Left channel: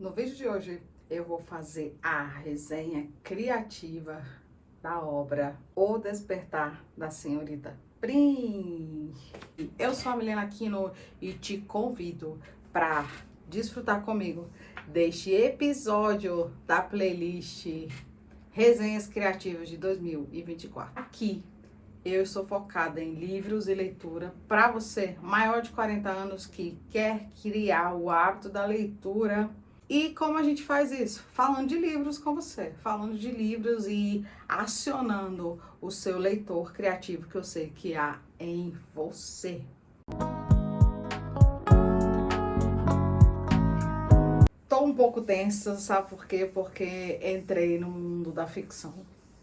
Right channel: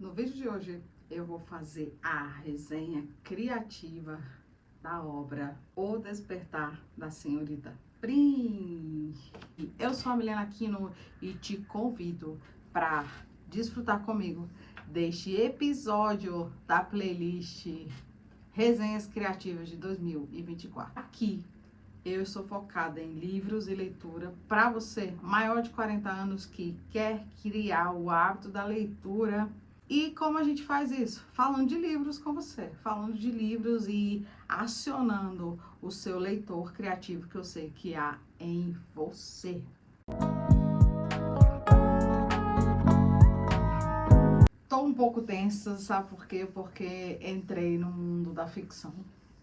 No vídeo de hoje eu vou fazer a resenha criativa da obra O Despertar da Senhorita Prim. Eu sou a Milena Aquino e te convido para desfrutar comigo deste episódio da playlist Resenhas Criativas de 2024. Aqui eu sou focada em livros e leitura para você maior de 40 anos que quer criar o hábito da leitura. E como a gente faz isso? Falando de livros com você, falando de livros e acionando o seu leitor criativo que eu sei que há em você. Tô um pouco tensa, sabe por quê? Porque entrei no mundo da ficção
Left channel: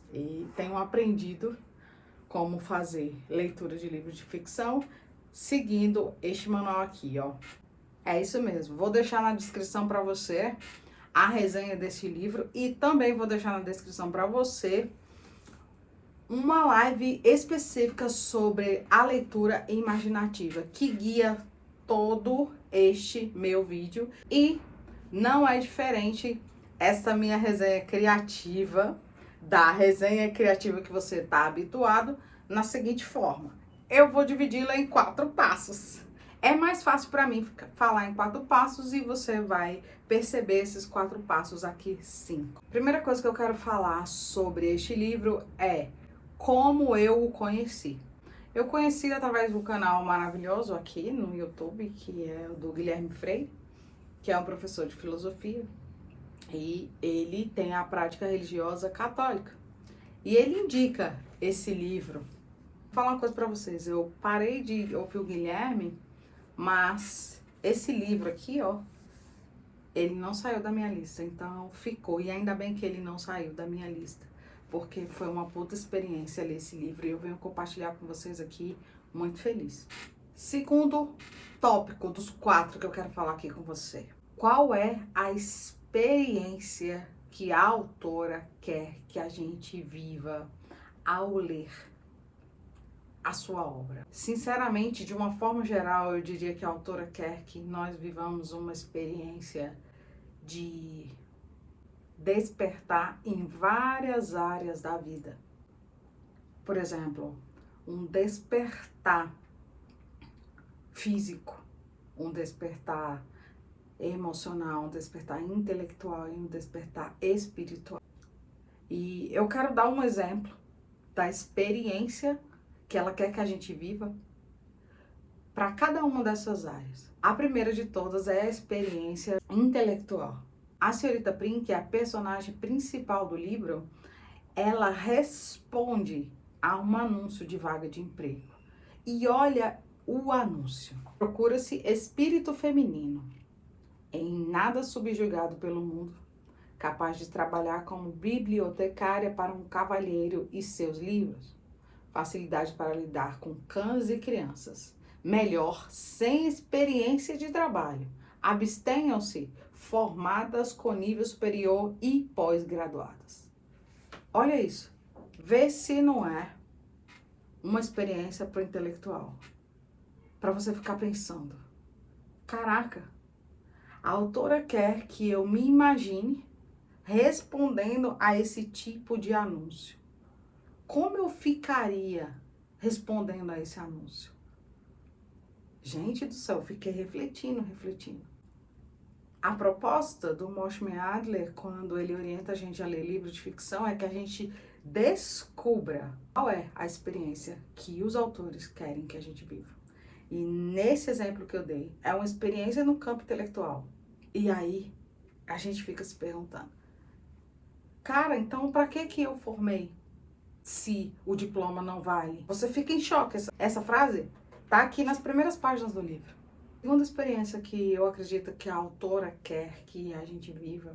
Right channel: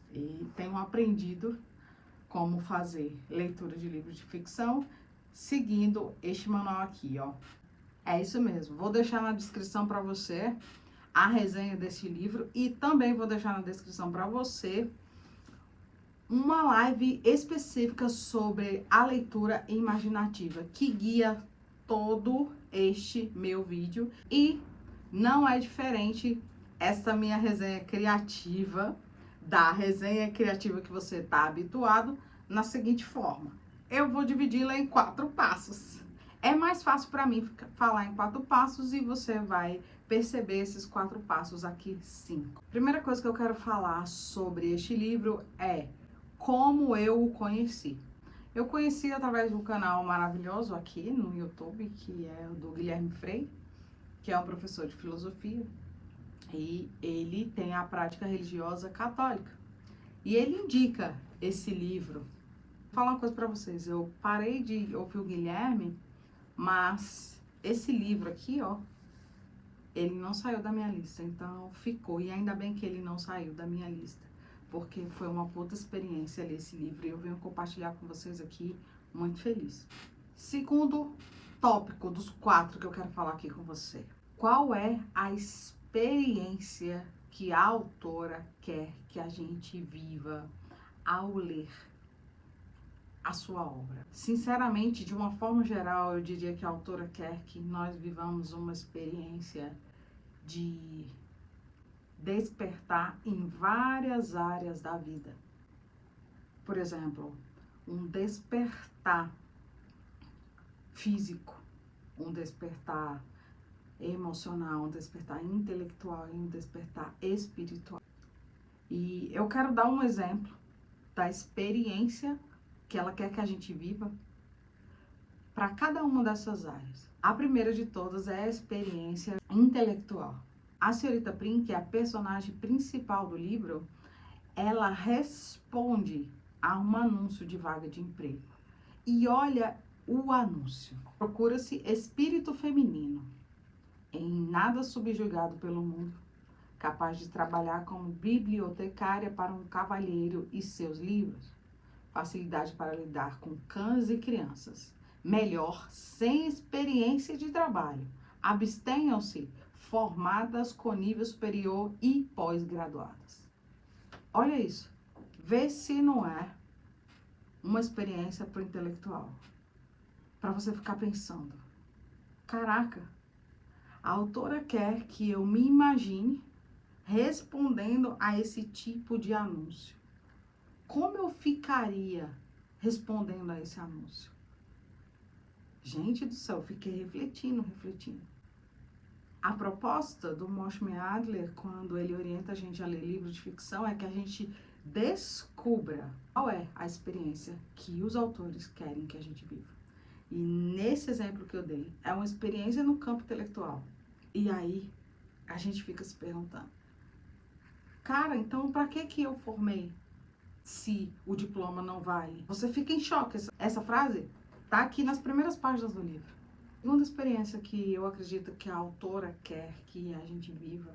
e tenho aprendido como fazer leitura de livros de ficção seguindo este manual aqui, ó. É isso mesmo, vou deixar na descrição para você a resenha desse livro e também vou deixar na descrição para você uma live específica sobre a leitura imaginativa que guia todo este meu vídeo. E não é diferente essa minha resenha criativa da resenha criativa que você está habituado na seguinte forma. Eu vou dividi-la em 4 passos. É mais fácil para mim falar em 4 passos e você vai perceber esses 4 passos aqui 5. Primeira coisa que eu quero falar sobre este livro é como eu o conheci. Eu conheci através do canal maravilhoso aqui no YouTube, que é o do Guilherme Frei, que é um professor de filosofia, e ele tem a prática religiosa católica. E ele indica esse livro. Vou falar uma coisa para vocês, eu parei de ouvir o Guilherme, mas esse livro aqui, ó, ele não saiu da minha lista, então ficou. E ainda bem que ele não saiu da minha lista, porque foi uma puta experiência ler esse livro e eu venho compartilhar com vocês aqui, muito feliz. Segundo tópico dos 4 que eu quero falar aqui com você. Qual é a experiência que a autora quer que a gente viva ao ler a sua obra? Sinceramente, de uma forma geral, eu diria que a autora quer que nós vivamos uma experiência de despertar em várias áreas da vida. Por exemplo, um despertar físico, um despertar emocional, um despertar intelectual e um despertar espiritual. E eu quero dar um exemplo da experiência que ela quer que a gente viva para cada uma dessas áreas. A primeira de todas é a experiência intelectual. A senhorita Prim, que é a personagem principal do livro, ela responde a um anúncio de vaga de emprego. E olha o anúncio. Procura-se espírito feminino, em nada subjugado pelo mundo, capaz de trabalhar como bibliotecária para um cavalheiro e seus livros. Facilidade para lidar com cães e crianças. Melhor, sem experiência de trabalho. Abstenham-se formadas com nível superior e pós-graduadas. Olha isso. Vê se não é uma experiência para o intelectual. Para você ficar pensando. Caraca, a autora quer que eu me imagine respondendo a esse tipo de anúncio. Como eu ficaria respondendo a esse anúncio? Gente do céu, eu fiquei refletindo. A proposta do Moshe Adler, quando ele orienta a gente a ler livros de ficção, é que a gente descubra qual é a experiência que os autores querem que a gente viva. E nesse exemplo que eu dei, é uma experiência no campo intelectual. E aí, a gente fica se perguntando, cara, então para que eu formei se o diploma não vale? Você fica em choque. Essa frase tá aqui nas primeiras páginas do livro. A segunda experiência que eu acredito que a autora quer que a gente viva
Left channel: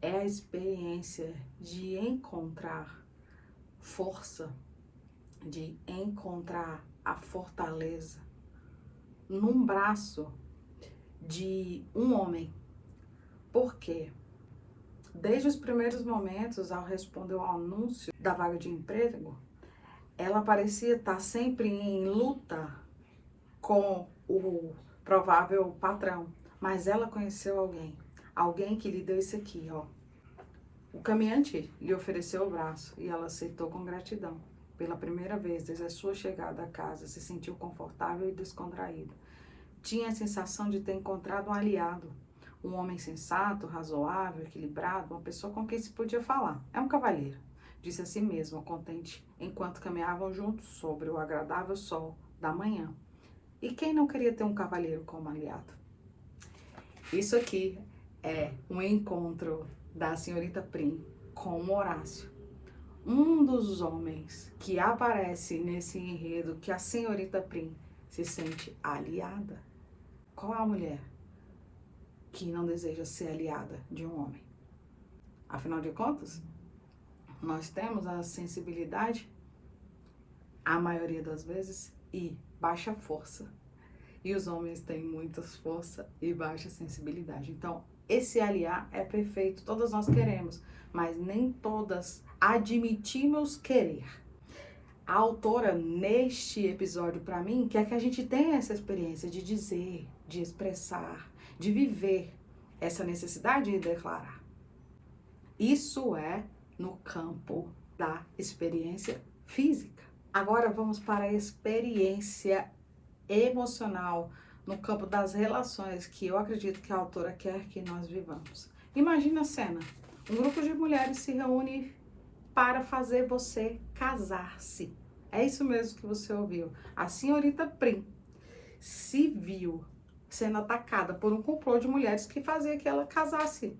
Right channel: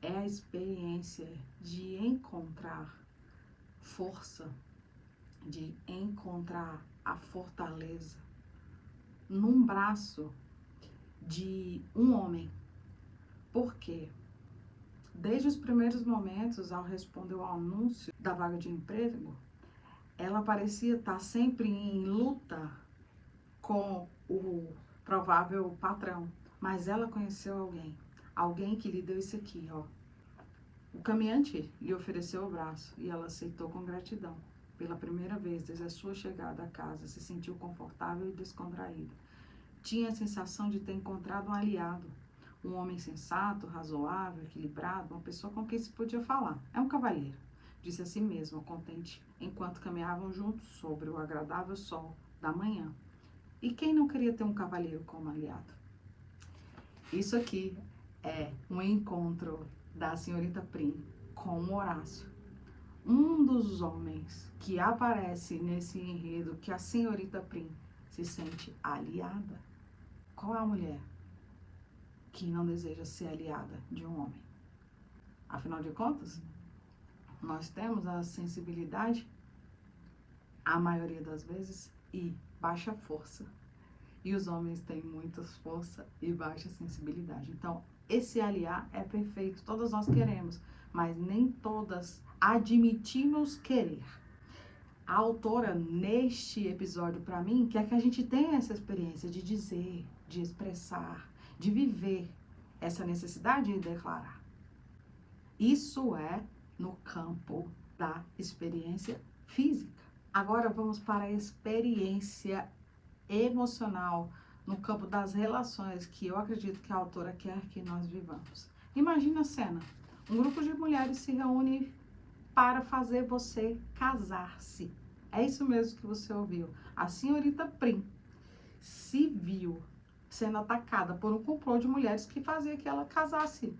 é a experiência de encontrar força, de encontrar a fortaleza num braço de um homem. Por quê? Desde os primeiros momentos, ao responder ao anúncio da vaga de emprego, ela parecia estar sempre em luta com o provável patrão. Mas ela conheceu alguém, alguém que lhe deu isso aqui, ó. O caminhante lhe ofereceu o braço e ela aceitou com gratidão. Pela primeira vez desde a sua chegada à casa, se sentiu confortável e descontraída. Tinha a sensação de ter encontrado um aliado, um homem sensato, razoável, equilibrado, uma pessoa com quem se podia falar. É um cavalheiro, disse a si mesma, contente, enquanto caminhavam juntos sobre o agradável sol da manhã. E quem não queria ter um cavalheiro como aliado? Isso aqui é um encontro da senhorita Prim com Horácio. Um dos homens que aparece nesse enredo que a senhorita Prim se sente aliada. Qual é a mulher que não deseja ser aliada de um homem? Afinal de contas, nós temos a sensibilidade, a maioria das vezes, e baixa força. E os homens têm muita força e baixa sensibilidade. Então, esse aliar é perfeito, todas nós queremos, mas nem todas admitimos querer. A autora, neste episódio, para mim, quer que a gente tenha essa experiência de dizer, de expressar, de viver essa necessidade de declarar. Isso é no campo da experiência física. Agora vamos para a experiência emocional, no campo das relações, que eu acredito que a autora quer que nós vivamos. Imagina a cena, um grupo de mulheres se reúne para fazer você casar-se. É isso mesmo que você ouviu. A senhorita Prim se viu sendo atacada por um complô de mulheres que fazia que ela casasse.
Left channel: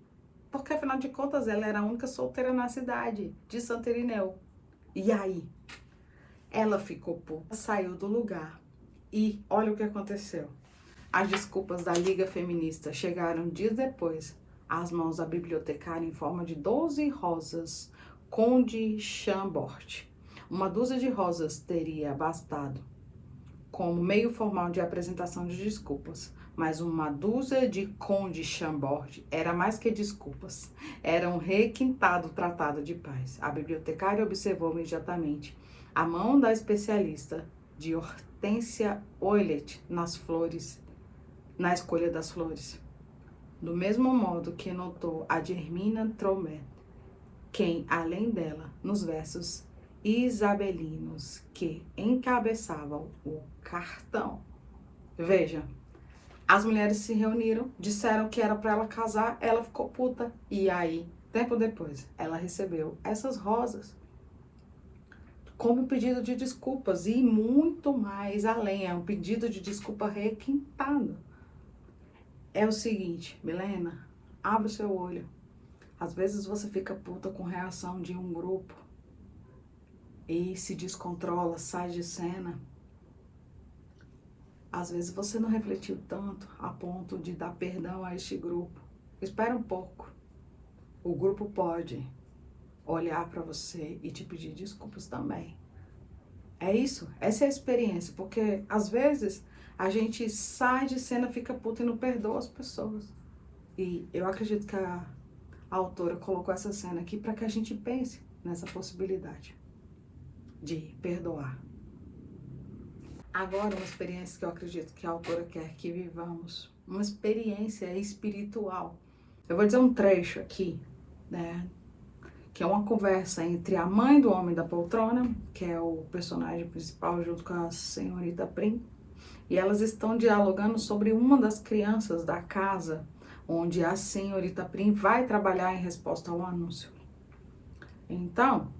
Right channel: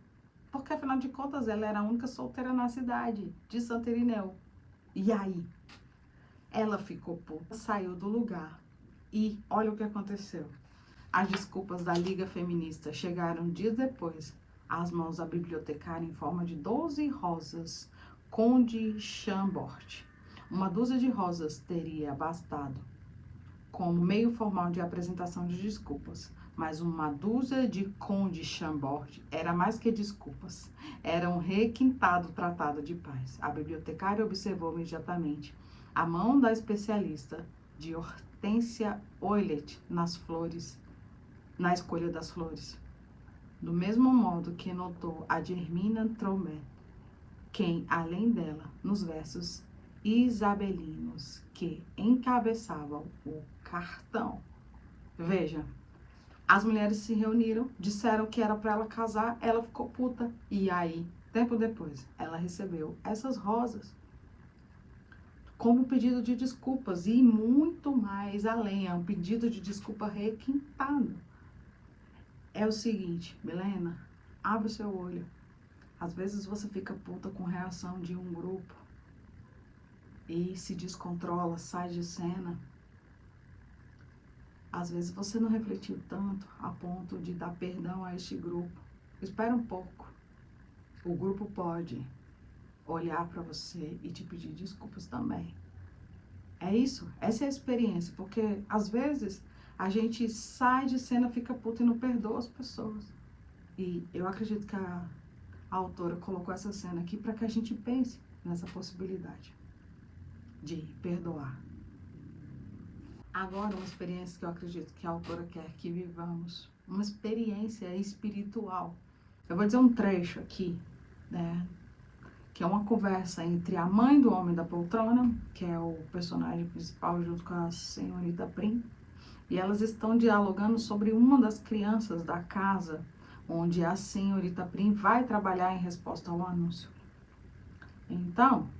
Porque, afinal de contas, ela era a única solteira na cidade de Santo Irineu. E aí? Ela ficou puta, saiu do lugar. E olha o que aconteceu. As desculpas da Liga Feminista chegaram dias depois às mãos da bibliotecária em forma de 12 rosas Conde Chambord. Uma dúzia de rosas teria bastado como meio formal de apresentação de desculpas, mas uma dúzia de Conde Chambord era mais que desculpas, era um requintado tratado de paz. A bibliotecária observou imediatamente a mão da especialista de Hortência Oilet nas flores, na escolha das flores. Do mesmo modo que notou a de Hermina Tromet, quem, além dela, nos versos isabelinos que encabeçavam o cartão. Veja, as mulheres se reuniram, disseram que era para ela casar, ela ficou puta. E aí, tempo depois, ela recebeu essas rosas como pedido de desculpas e muito mais além, é um pedido de desculpa requintado. É o seguinte, Milena, abre o seu olho. Às vezes você fica puta com reação de um grupo e se descontrola, sai de cena. Às vezes você não refletiu tanto a ponto de dar perdão a este grupo. Espera um pouco. O grupo pode olhar para você e te pedir desculpas também. É isso, essa é a experiência, porque às vezes a gente sai de cena, fica puta e não perdoa as pessoas. E eu acredito que a autora colocou essa cena aqui para que a gente pense nessa possibilidade de perdoar. Agora, uma experiência que eu acredito que a autora quer que vivamos, uma experiência espiritual. Eu vou dizer um trecho aqui, né? Que é uma conversa entre a mãe do homem da poltrona, que é o personagem principal, junto com a senhorita Prim, e elas estão dialogando sobre uma das crianças da casa, onde a senhorita Prim vai trabalhar em resposta ao anúncio. Então,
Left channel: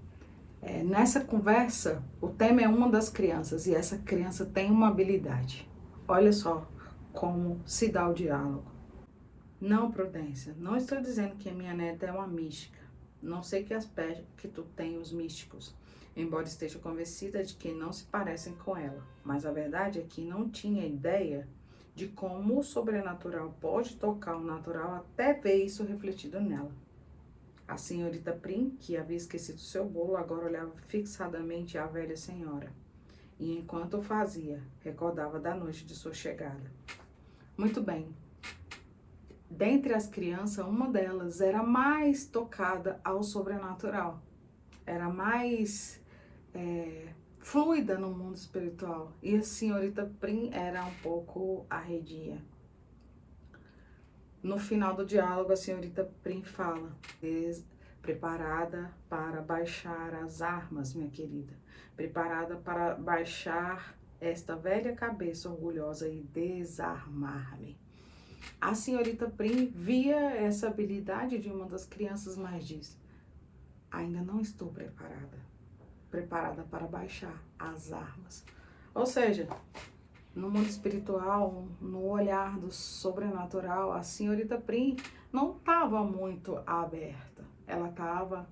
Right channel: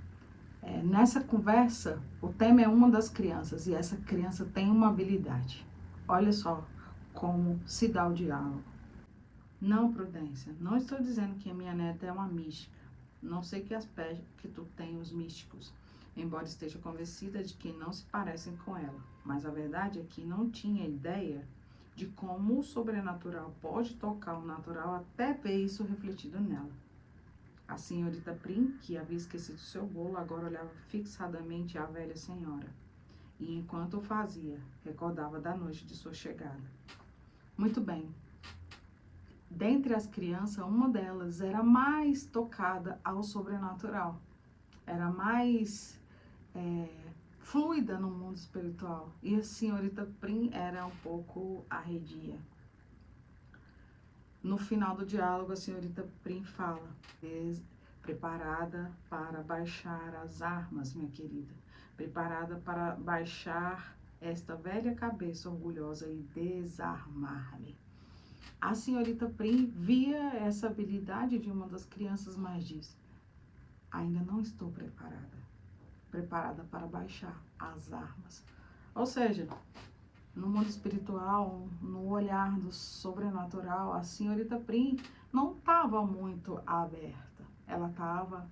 nessa conversa, o tema é uma das crianças, e essa criança tem uma habilidade. Olha só como se dá o diálogo. Não, Prudência, não estou dizendo que a minha neta é uma mística. Não sei que aspecto que tu tem os místicos, embora esteja convencida de que não se parecem com ela. Mas a verdade é que não tinha ideia de como o sobrenatural pode tocar o natural até ver isso refletido nela. A senhorita Prim, que havia esquecido seu bolo, agora olhava fixadamente a velha senhora. E enquanto o fazia, recordava da noite de sua chegada. Muito bem. Dentre as crianças, uma delas era mais tocada ao sobrenatural. Era mais fluida no mundo espiritual. E a senhorita Prim era um pouco arredia. No final do diálogo, a senhorita Prim fala: preparada para baixar as armas, minha querida. Preparada para baixar esta velha cabeça orgulhosa e desarmar-me. A senhorita Prim via essa habilidade de uma das crianças, mas diz: ainda não estou preparada. Preparada para baixar as armas. Ou seja, no mundo espiritual, no olhar do sobrenatural, a senhorita Prim não estava muito aberta. Ela estava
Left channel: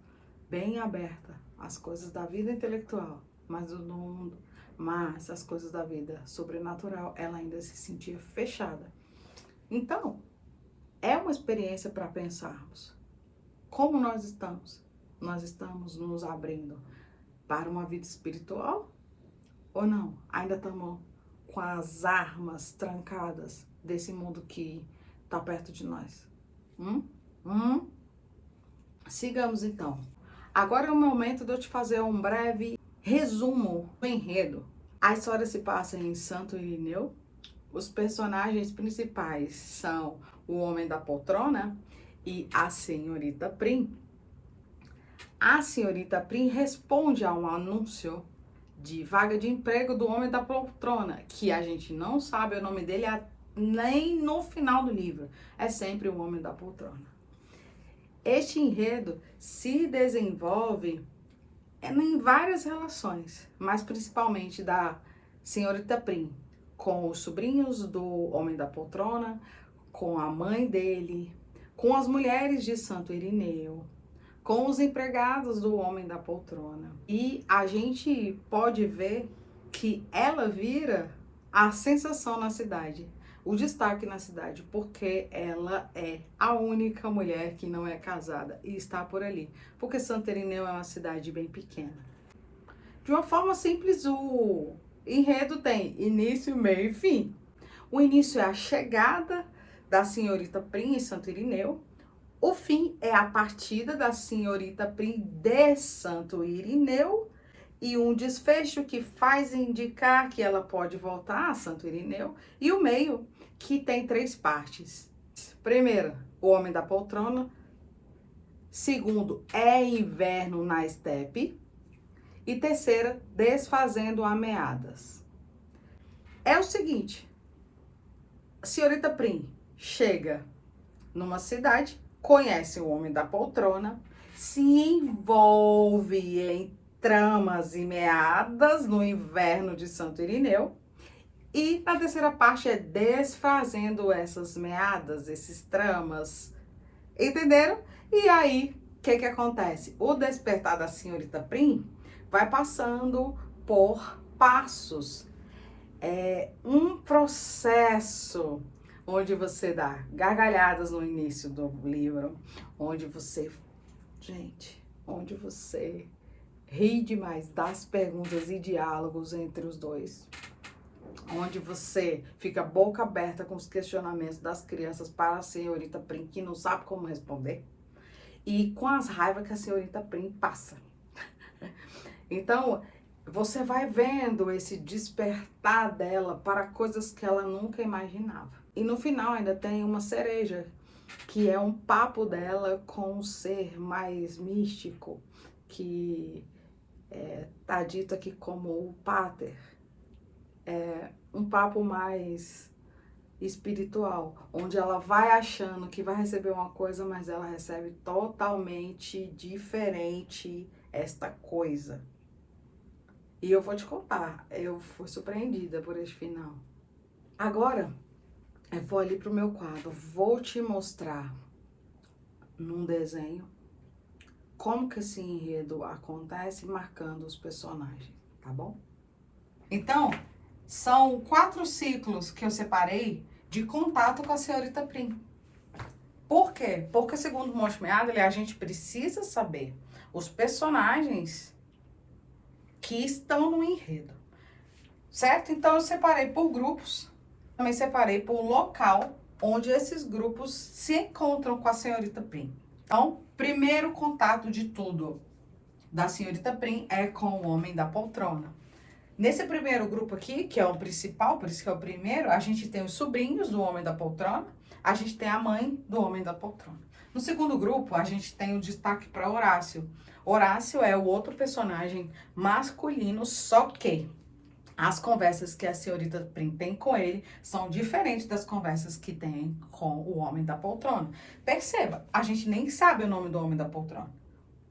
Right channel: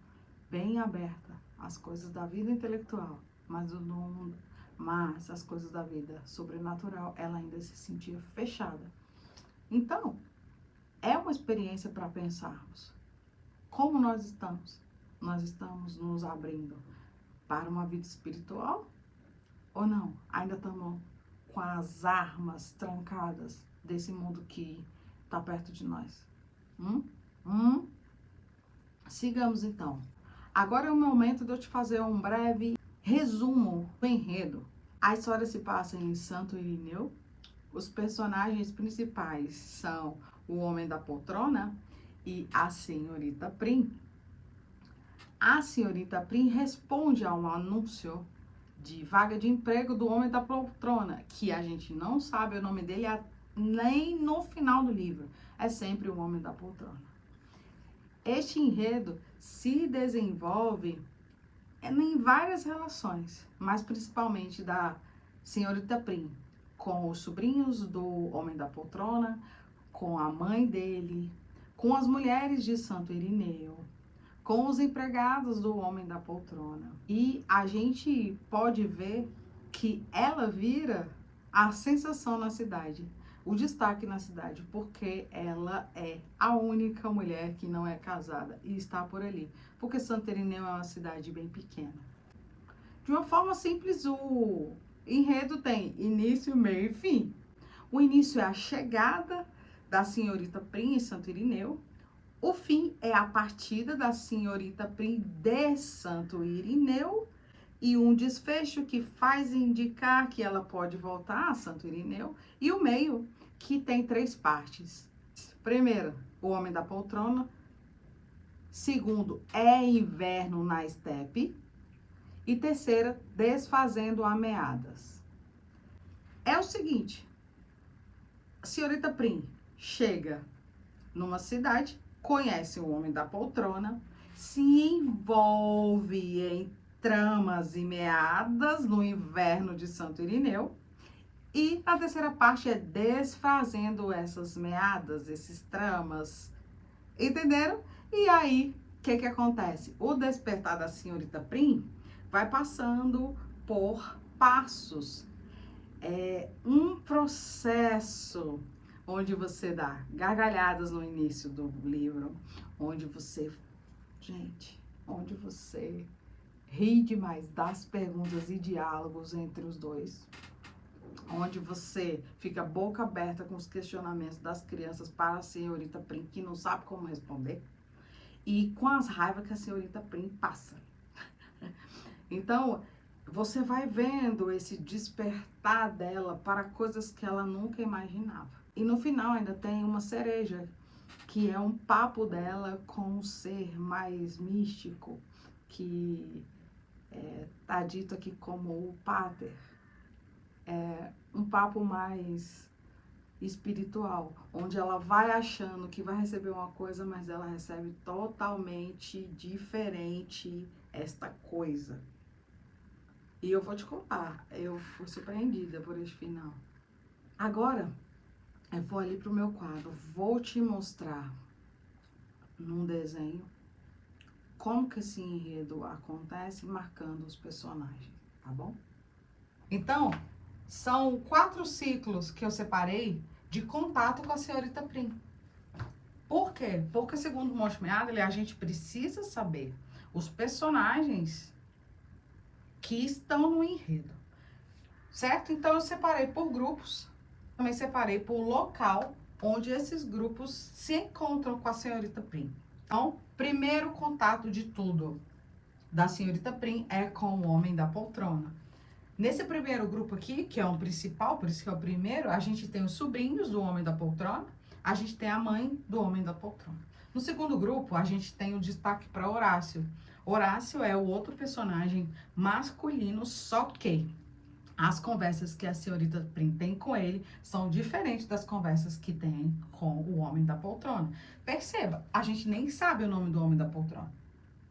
bem aberta às coisas da vida intelectual, mas as coisas da vida sobrenatural, ela ainda se sentia fechada. Então, é uma experiência para pensarmos. Como nós estamos? Nós estamos nos abrindo para uma vida espiritual ou não? Ainda estamos com as armas trancadas desse mundo que está perto de nós? Sigamos então. Agora é o momento de eu te fazer um breve resumo do enredo. A história se passa em Santo Irineu. Os personagens principais são o Homem da Poltrona e a senhorita Prim. A senhorita Prim responde a um anúncio de vaga de emprego do Homem da Poltrona, que a gente não sabe o nome dele nem no final do livro. É sempre o Homem da Poltrona. Este enredo se desenvolve em várias relações, mas principalmente da senhorita Prim com os sobrinhos do Homem da Poltrona, com a mãe dele, com as mulheres de Santo Irineu, com os empregados do Homem da Poltrona. E a gente pode ver que ela vira a sensação na cidade, o destaque na cidade, porque ela é a única mulher que não é casada e está por ali, porque Santo Irineu é uma cidade bem pequena. De uma forma simples, o enredo tem início, meio e fim. O início é a chegada da senhorita Prim em Santo Irineu. O fim é a partida da senhorita Prim de Santo Irineu e um desfecho que faz indicar que ela pode voltar a Santo Irineu. E o meio, que tem 3 partes. Primeira, o Homem da Poltrona. Segundo, é inverno na estepe. E terceira, desfazendo ameaças. É o seguinte, a senhorita Prim chega numa cidade, conhece o Homem da Poltrona, se envolve em tramas e meadas no inverno de Santo Irineu, e a terceira parte é desfazendo essas meadas, esses tramas, entenderam? E aí, o que acontece? O despertar da senhorita Prim vai passando por passos. É um processo onde você dá gargalhadas no início do livro, onde você ri demais das perguntas e diálogos entre os dois, onde você fica boca aberta com os questionamentos das crianças para a senhorita Prim, que não sabe como responder, e com as raivas que a senhorita Prim passa. Então, você vai vendo esse despertar dela para coisas que ela nunca imaginava. E no final ainda tem uma cereja, que é um papo dela com um ser mais místico, que tá dito aqui como o Pater. É um papo mais espiritual, onde ela vai achando que vai receber uma coisa, mas ela recebe totalmente diferente esta coisa. E eu vou te contar, eu fui surpreendida por este final. Agora, eu vou ali pro meu quadro, vou te mostrar num desenho como que esse enredo acontece, marcando os personagens, tá bom? Então, são 4 ciclos que eu separei de contato com a senhorita Prim. Por quê? Porque, segundo o Monte Meadle, a gente precisa saber os personagens que estão no enredo, certo? Então, eu separei por grupos, também separei por local onde esses grupos se encontram com a senhorita Prim. Então, primeiro contato de tudo da senhorita Prim é com o Homem da Poltrona. Nesse primeiro grupo aqui, que é o principal, por isso que é o primeiro, a gente tem os sobrinhos do Homem da Poltrona, a gente tem a mãe do homem da poltrona. No segundo grupo, a gente tem o destaque para Horácio. Horácio é o outro personagem masculino, só que as conversas que a senhorita Prim tem com ele são diferentes das conversas que tem com o homem da poltrona. Perceba, a gente nem sabe o nome do homem da poltrona,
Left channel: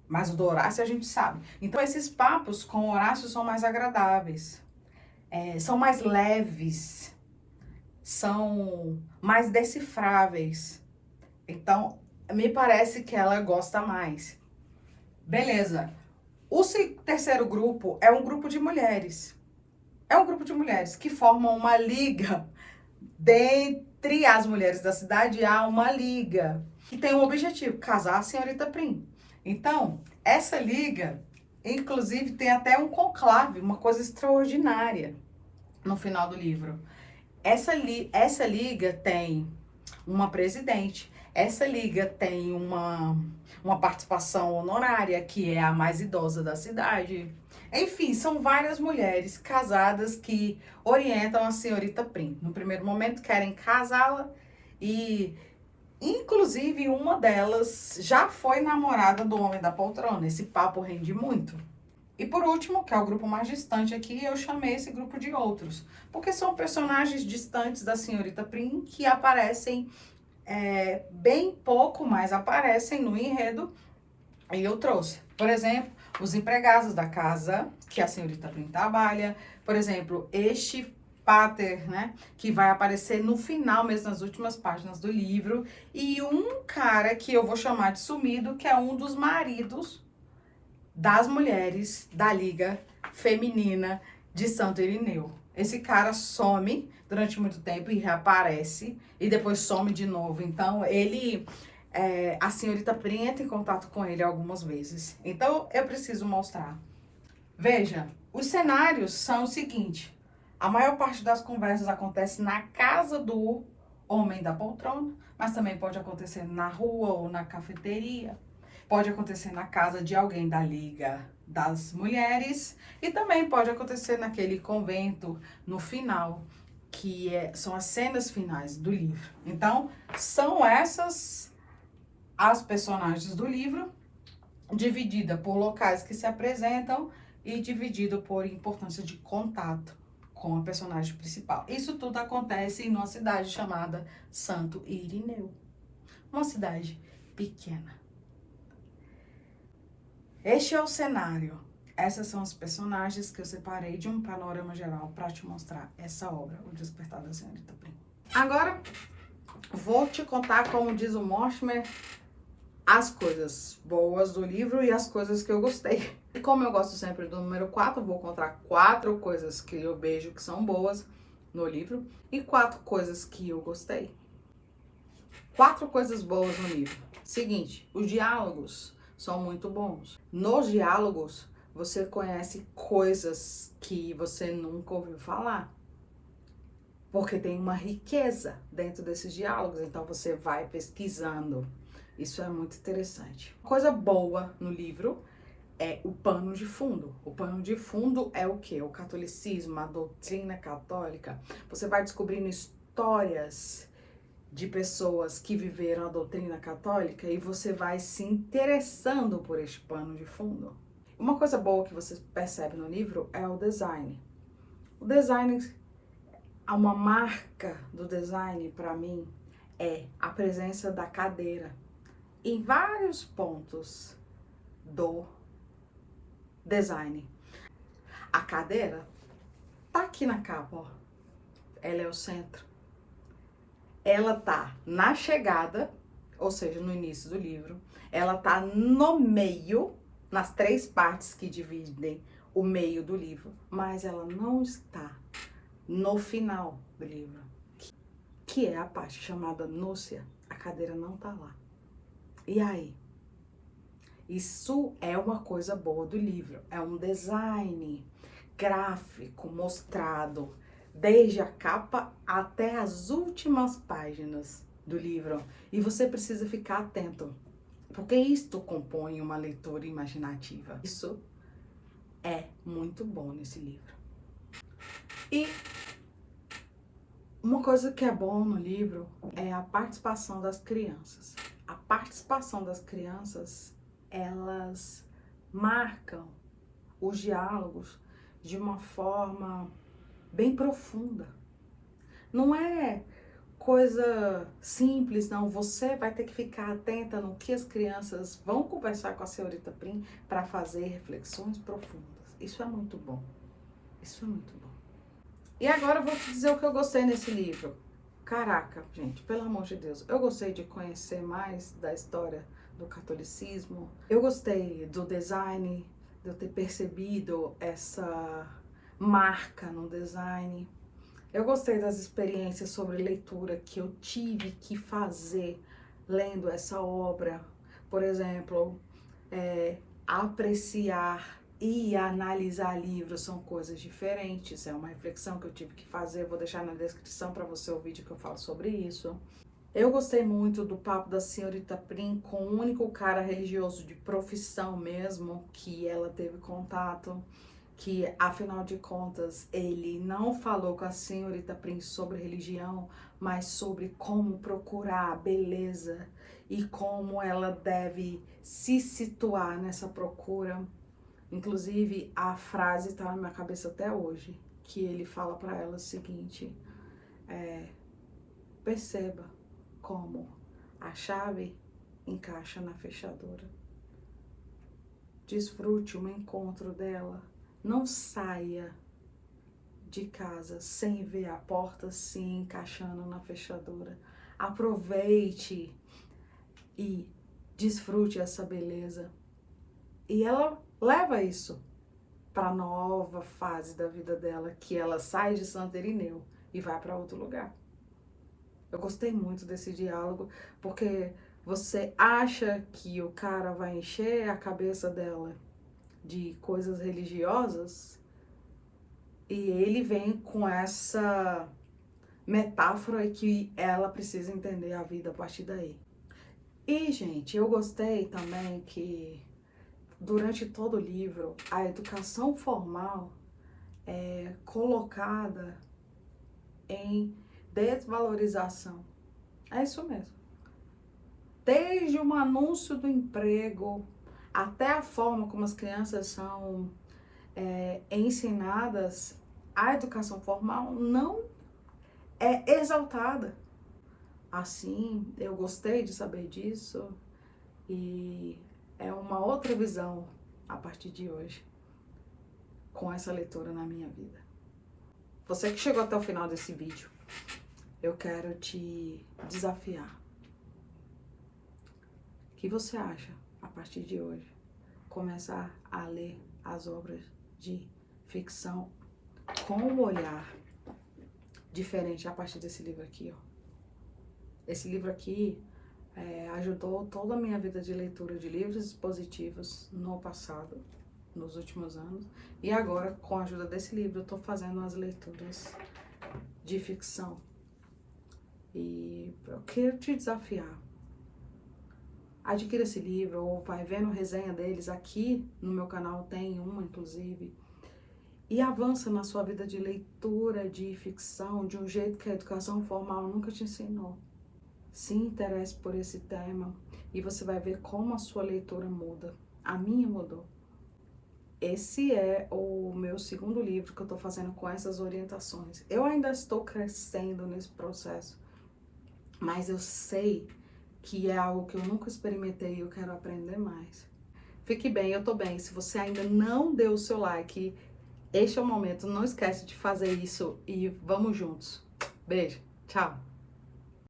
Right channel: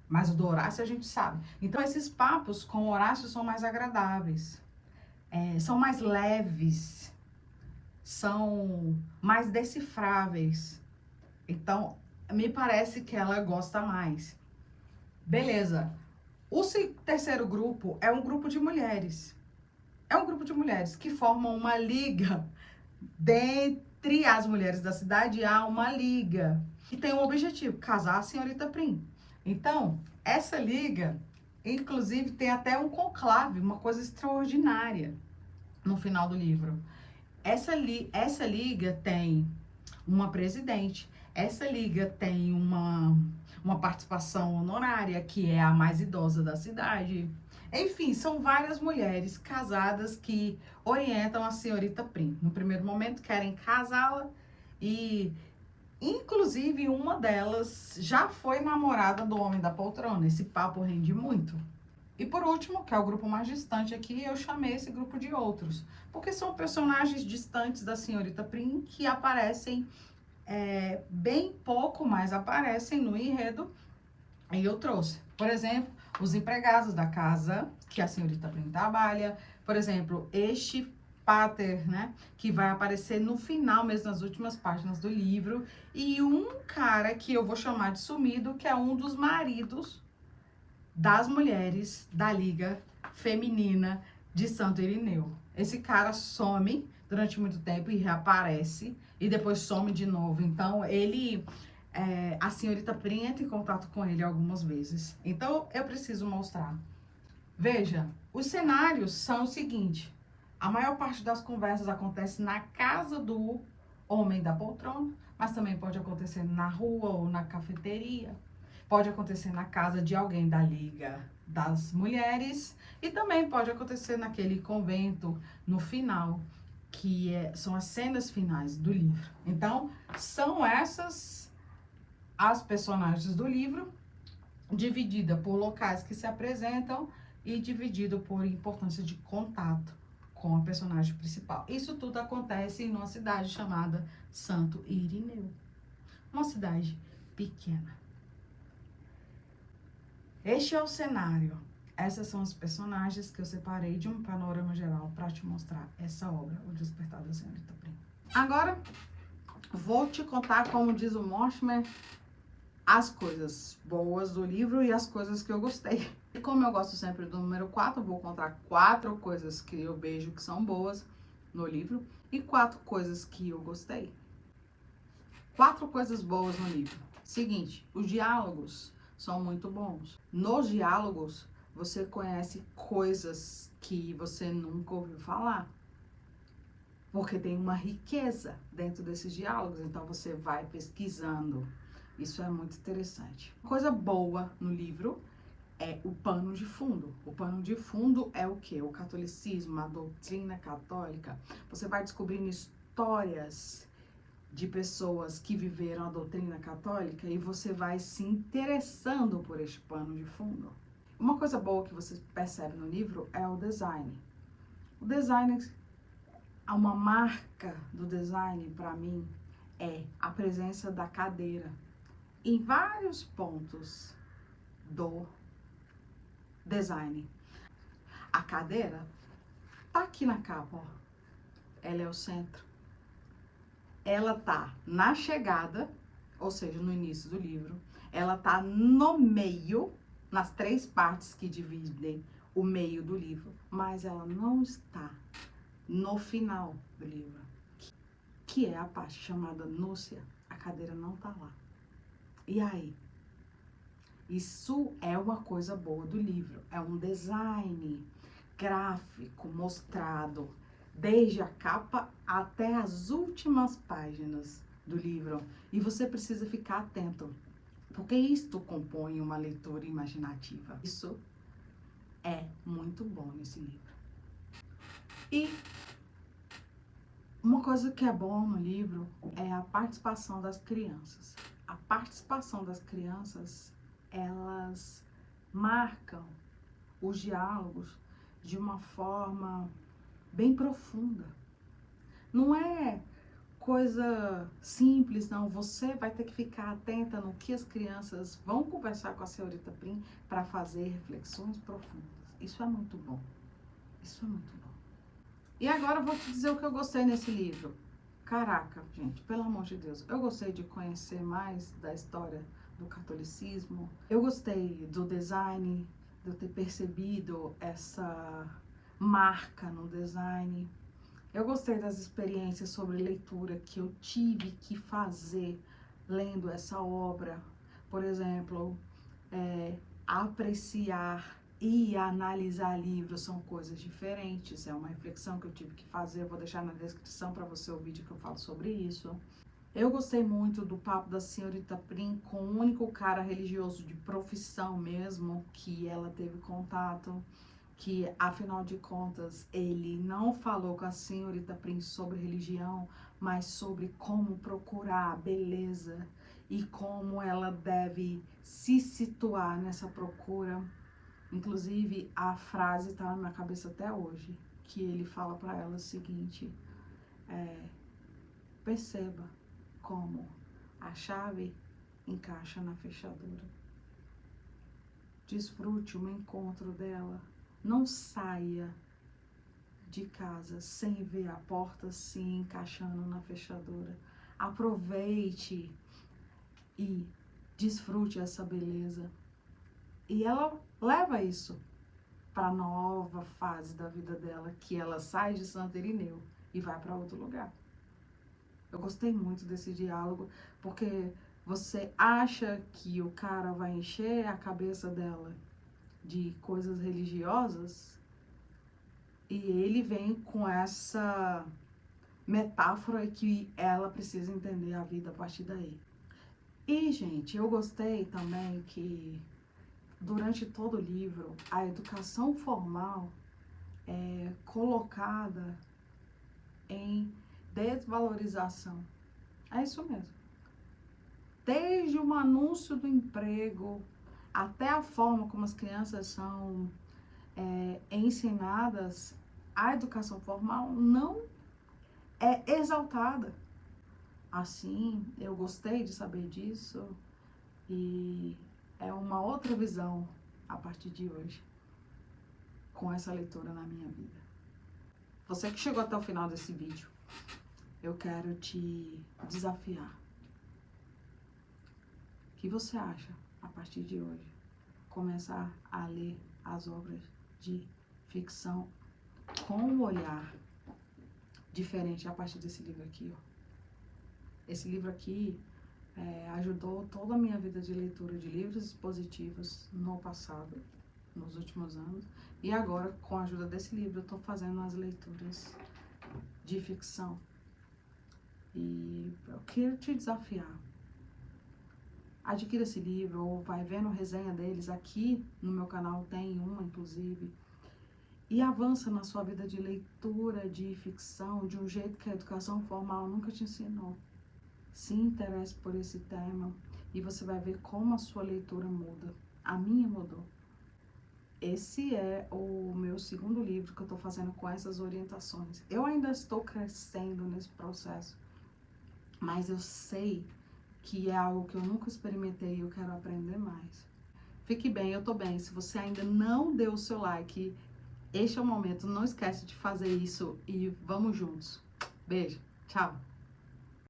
mas o do Horácio a gente sabe. Então, esses papos com Horácio são mais agradáveis, são mais leves, são mais decifráveis. Então, me parece que ela gosta mais. Beleza. O terceiro grupo é um grupo de mulheres. É um grupo de mulheres que formam uma liga. Dentre as mulheres da cidade, há uma liga que tem um objetivo: casar a senhorita Prim. Então, essa liga, inclusive, tem até um conclave, uma coisa extraordinária no final do livro. Essa liga tem uma presidente. Essa liga tem uma participação honorária, que é a mais idosa da cidade. Enfim, são várias mulheres casadas que orientam a senhorita Prim. No primeiro momento, querem casá-la e, inclusive, uma delas já foi namorada do homem da poltrona. Esse papo rende muito. E por último, que é o grupo mais distante aqui, eu chamei esse grupo de outros, porque são personagens distantes da senhorita Prim que aparecem bem pouco, mas aparecem no enredo. E eu trouxe, por exemplo, os empregados da casa que a senhorita Prim trabalha, por exemplo, este pater, né, que vai aparecer no final, mesmo nas últimas páginas do livro, e um cara que eu vou chamar de sumido, que é um dos maridos das mulheres da Liga Feminina de Santo Irineu. Esse cara some durante muito tempo e reaparece, e depois some de novo. Então, a senhorita Prim entra em contato com ele algumas vezes. Então, eu preciso mostrar. Veja, os cenários são o seguinte: a maior parte das conversas acontece na casa do homem da poltrona, mas também pode acontecer na rua ou na cafeteria. Pode acontecer na casa de alguém da Liga das Mulheres e também pode acontecer naquele convento no final, que são as cenas finais do livro. Então, são essas as personagens do livro, dividida por locais que se apresentam e dividido por importância de contato com a personagem principal. Isso tudo acontece numa cidade chamada Santo Irineu, uma cidade pequena. Este é o cenário. Essas são os personagens que eu separei de um panorama geral para te mostrar essa obra, O Despertar da Senhorita Prim. Agora, vou te contar, como diz o Mortimer, as coisas boas do livro e as coisas que eu gostei. E como eu gosto sempre do número 4, vou contar 4 coisas que eu vejo que são boas no livro e 4 coisas que eu gostei. 4 coisas boas no livro. Seguinte, os diálogos são muito bons. Nos diálogos, você conhece coisas que você nunca ouviu falar, porque tem uma riqueza dentro desses diálogos, então você vai pesquisando. Isso é muito interessante. Coisa boa no livro é o pano de fundo. O pano de fundo é o quê? O catolicismo, a doutrina católica. Você vai descobrindo histórias de pessoas que viveram a doutrina católica e você vai se interessando por este pano de fundo. Uma coisa boa que você percebe no livro é o design. O design, uma marca do design para mim é a presença da cadeira em vários pontos do design. A cadeira tá aqui na capa, ó. Ela é o centro. Ela tá na chegada, ou seja, no início do livro. Ela tá no meio, nas 3 partes que dividem o meio do livro, mas ela não está no final do livro, que é a parte chamada núcia. A cadeira não tá lá. E aí? Isso é uma coisa boa do livro. É um design gráfico mostrado desde a capa até as últimas páginas do livro. E você precisa ficar atento, porque isto compõe uma leitura imaginativa. Isso é muito bom nesse livro. E Uma coisa que é bom no livro é a participação das crianças. A participação das crianças, elas marcam os diálogos de uma forma bem profunda. Não é coisa simples, não. Você vai ter que ficar atenta no que as crianças vão conversar com a senhorita Prim para fazer reflexões profundas. Isso é muito bom. Isso é muito bom. E agora eu vou te dizer o que eu gostei nesse livro. Caraca, gente, pelo amor de Deus, eu gostei de conhecer mais da história do catolicismo. Eu gostei do design, de eu ter percebido essa marca no design. Eu gostei das experiências sobre leitura que eu tive que fazer lendo essa obra. Por exemplo, apreciar e analisar livros são coisas diferentes, é uma reflexão que eu tive que fazer, vou deixar na descrição para você o vídeo que eu falo sobre isso. Eu gostei muito do papo da senhorita Prim com o único cara religioso de profissão mesmo que ela teve contato, que afinal de contas ele não falou com a senhorita Prim sobre religião, mas sobre como procurar a beleza e como ela deve se situar nessa procura. Inclusive, a frase está na minha cabeça até hoje, que ele fala para ela o seguinte, perceba como a chave encaixa na fechadura. Desfrute o encontro dela. Não saia de casa sem ver a porta se encaixando na fechadura. Aproveite e desfrute essa beleza. E ela leva isso para a nova fase da vida dela, que ela sai de Santo Irineu e vai para outro lugar. Eu gostei muito desse diálogo, porque você acha que o cara vai encher a cabeça dela de coisas religiosas e ele vem com essa metáfora que ela precisa entender a vida a partir daí. E, gente, eu gostei também que durante todo o livro, a educação formal é colocada em desvalorização. É isso mesmo. Desde o anúncio do emprego, até a forma como as crianças são ensinadas, a educação formal não é exaltada. Assim, eu gostei de saber disso e é uma outra visão a partir de hoje, com essa leitura na minha vida. Você que chegou até o final desse vídeo, eu quero te desafiar. O que você acha, a partir de hoje, começar a ler as obras de ficção com um olhar diferente a partir desse livro aqui, ó? Esse livro aqui ajudou toda a minha vida de leitura de livros expositivos no passado, nos últimos anos. E agora, com a ajuda desse livro, eu estou fazendo as leituras de ficção. E eu quero te desafiar. Adquira esse livro ou vai vendo resenha deles. Aqui no meu canal tem uma, inclusive. E avança na sua vida de leitura de ficção de um jeito que a educação formal nunca te ensinou. Se interesse por esse tema e você vai ver como a sua leitura muda. A minha mudou. Esse é o meu segundo livro que eu estou fazendo com essas orientações. Eu ainda estou crescendo nesse processo, mas eu sei que é algo que eu nunca experimentei e eu quero aprender mais. Fique bem, eu tô bem. Se você ainda não deu o seu like, este é o momento. Não esquece de fazer isso e vamos juntos. Beijo, tchau.